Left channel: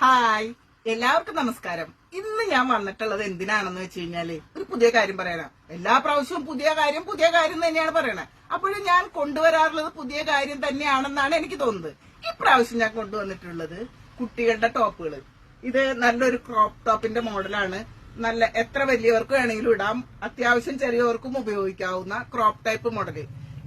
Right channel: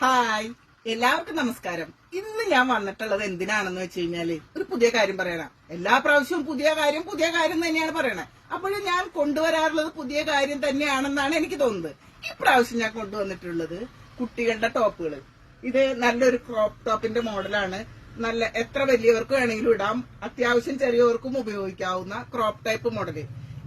Hi, എല്ലാവർക്കും നമസ്കാരം. ഇന്ന് ഞാൻ വന്നിട്ടുള്ളത് എന്തിനാണെന്ന് വെച്ച് കഴിഞ്ഞാല് ഒരു പുതിയ കാര്യം പറയാനാ. എല്ലാ പ്രാവശ്യവും പുതിയ കാര്യം തന്നെയാണ് പറയണത്. അപ്പോഴും ഞാൻ കൊണ്ടുവരാറുള്ളത് പുതിയ കാര്യം തന്നെയാണെന്നാണ് എനിക്ക് തോന്നുന്നത്. ഈ പ്രാവശ്യം ഞാൻ കൊണ്ടുവന്നിട്ടുള്ളത് കുട്ടികളുടെ ടോപ്പുകൾ. ഇത് നല്ലൊരു ക്രോപ്പ് ടോപ്പിന്റെ മോഡലാണ്. നല്ല എത്ര വലിയവർക്ക് വേണമെങ്കിലും ഇടാം, അത്യാവശ്യം ചെറിയവർക്കും ഉപയോഗിക്കാവുന്ന ക്രോപ്പ് ടൈപ്പ് മോഡല്.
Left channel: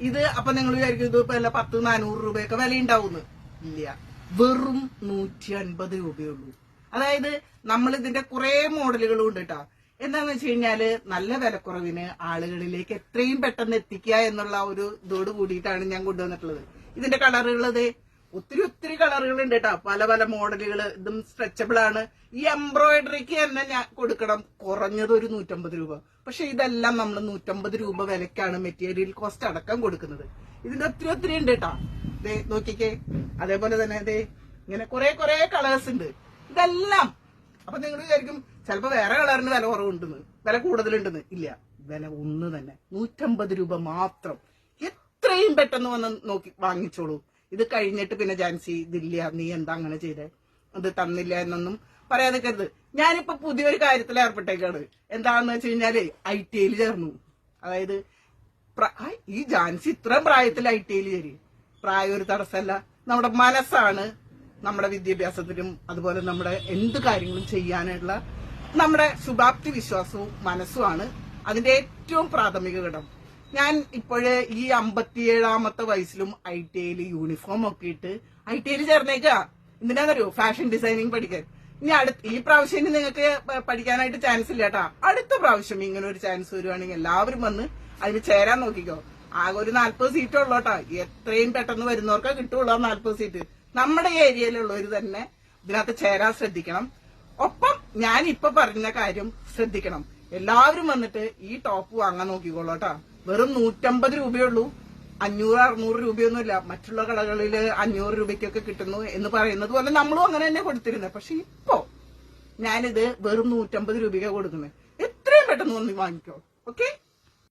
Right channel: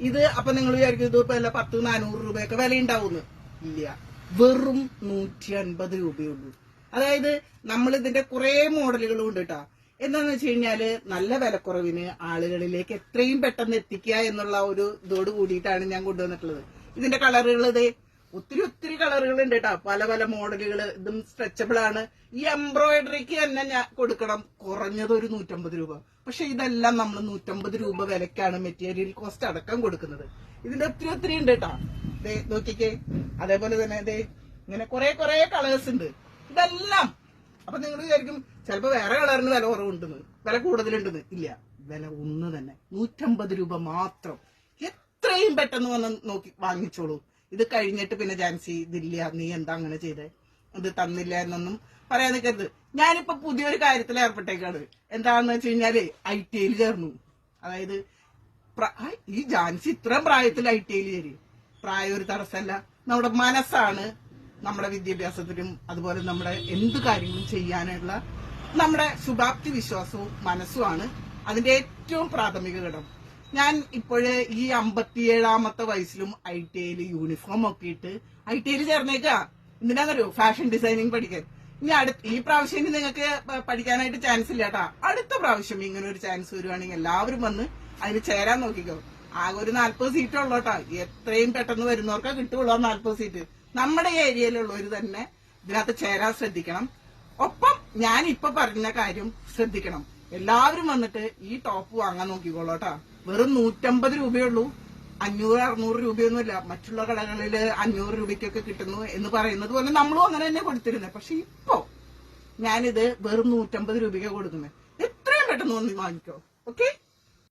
ഇത് അപ്പൊ നിങ്ങൾ വിചാരിക്കും ഇത് ഇപ്പൊ 100-400 രൂപയൊക്കെ വില ഉണ്ടാവുന്നു. ഇല്ല, വെറും 150 രൂപയുള്ളൂ. അതായത് നമ്മൾ ഇതിന്റെ കുറെ മോഡലുകളും ഉണ്ട് കേട്ടോ. എന്താന്ന് വെച്ച് കഴിഞ്ഞാല് നല്ല വിലക്കുറവിന് ആളുകളിലേക്ക് എത്രയും പെട്ടെന്ന് എത്തിക്കുക എന്നുള്ള ഒരു ഇതോട് കൂടിയിട്ടാണ് ഞാൻ കൊണ്ടുവന്നിട്ടുള്ളത്. ഇതിന്റെ കളറുകൾ ഇതേ ഒത്തിരി കളറുകൾ ഉണ്ട് കേട്ടോ. പല മോഡലുകൾ. ഇതും സ്ട്രെച്ചബിൾ ആണ്. ഈ എംബ്രോയിഡറിക്ക് തന്നെ ഞാൻ കൊടുക്കണം കുറഞ്ഞത് ഒരു 150 രൂപ. പക്ഷെ ഇതെല്ലാം നമ്മൾ 150 രൂപ വിലക്കാണ് മെറ്റീരിയൽ കോസ്റ്റ് അടക്കം കൊടുക്കുന്നത്. ഇതിന്റെ ഒത്തിരി ഉണ്ട് കേട്ടോ. ദേ നോക്കിക്കേ. അതേപോലെ തന്നെ ദേ ഇങ്ങനെ കുറെ കളേഴ്സ് ഉണ്ട്. ഇതെല്ലാം അപ്പൊ നിങ്ങൾ വിചാരിക്കും ചിലപ്പോ വേറെ കളറിന് വില കുറവുണ്ടെന്ന്, വില കൂടുതലുണ്ടെന്ന്. ഇല്ല, വില ഒന്ന് തന്നെ, 150 രൂപ മാത്രം. എത്രയും പെട്ടെന്ന് വന്ന് നോക്കി വാങ്ങിച്ചോളൂ. ഇത് കഴിഞ്ഞിട്ട് പിന്നെ ജാൻസി ഇതില്ല, നീ എന്താ അങ്ങനെ ചെയ്തേ, ഇത് തന്നില്ല എന്നൊന്നും പറയാൻ നിൽക്കരുത്. ഞാനിപ്പോ പുതിയൊരു കാര്യത്തിൽ ഏർപ്പെട്ടേക്കാണ്. എന്താണെന്ന് വെച്ച് കഴിഞ്ഞാല് ITI ചേർന്നു. അതായത് ഈ ജാൻസി ഇത്രയും പ്രായത്തിൽ ITI ചേരി. പ്രായം ഒരു തടസ്സമല്ല, നമ്മുടെ മനസ്സാണ് നമ്മുടെ വിദ്യാഭ്യാസത്തിനും അതുപോലെ നമ്മുടെ എന്ത് കാര്യങ്ങളും ചെയ്യാനുള്ള നമ്മുടെ ശുഭാപ്തി വിശ്വാസവും മനസ്സുമാണ് അതിന്റെ ഏറ്റവും പ്രാഥമിക ഘടകം. ഞാൻ ഇപ്പോഴേ ഈ 57-ാമത്തെ വയസ്സിലും ITI യൂണിഫോം ഒക്കെ ഇട്ട് ITI ചേർന്നേക്കാ. എന്തിനാണെന്നറിയോ? ഫാഷൻ ഡിസൈനിങ് പഠിക്കാൻ. ഇനി ഈ പ്രാവശ്യം നിങ്ങൾക്ക് പഠിക്കാനായിട്ട് ചാൻസ് ഇല്ല കേട്ടാ. അടുത്ത പ്രാവശ്യം ഇങ്ങനെ ഒരു ചാൻസ് വരുവാണെങ്കിൽ എല്ലാവരും വന്ന് അതിന് ചേരാൻ നോക്കിക്കോ. ആകെ ഒരു 40 സീറ്റ് ഉള്ളോട്ടാ. എത്രയും പെട്ടെന്ന് വരുന്നവർക്കാ കിട്ടുള്ളൂ 40 സീറ്റ്. നമ്മുടെ ഏരിയയിലുള്ളവർ തന്നെ ഇതിനകത്ത് ചേരാൻ ശ്രദ്ധിക്കണം. ഒപ്പം ഞാൻ ഇപ്പൊ പറഞ്ഞ കാര്യം ശ്രദ്ധിക്കണം. എല്ലാവരും വന്നിട്ട് ഈ ടോപ്പ് വാങ്ങാൻ നോക്കിക്കോളൂട്ടാ. വെറും 150 രൂപയുള്ളൂ. 500-600 രൂപയൊന്നുമില്ല. മറ്റുള്ള കടകളിൽ 500 രൂപയ്ക്കൊക്കെ കിട്ടുന്നു എന്ന് പറയുന്നത് പോലെ നമ്മളും അങ്ങനെ തന്നെ കൊടുത്തിരുന്നത്. പക്ഷെ ഇപ്പോ ഞാനിത് വെറും 150 രൂപയ്ക്ക് കൊടുക്കുന്നത്. എത്രയും പെട്ടെന്ന് വന്ന് വാങ്ങിക്കോ. ഓക്കെ.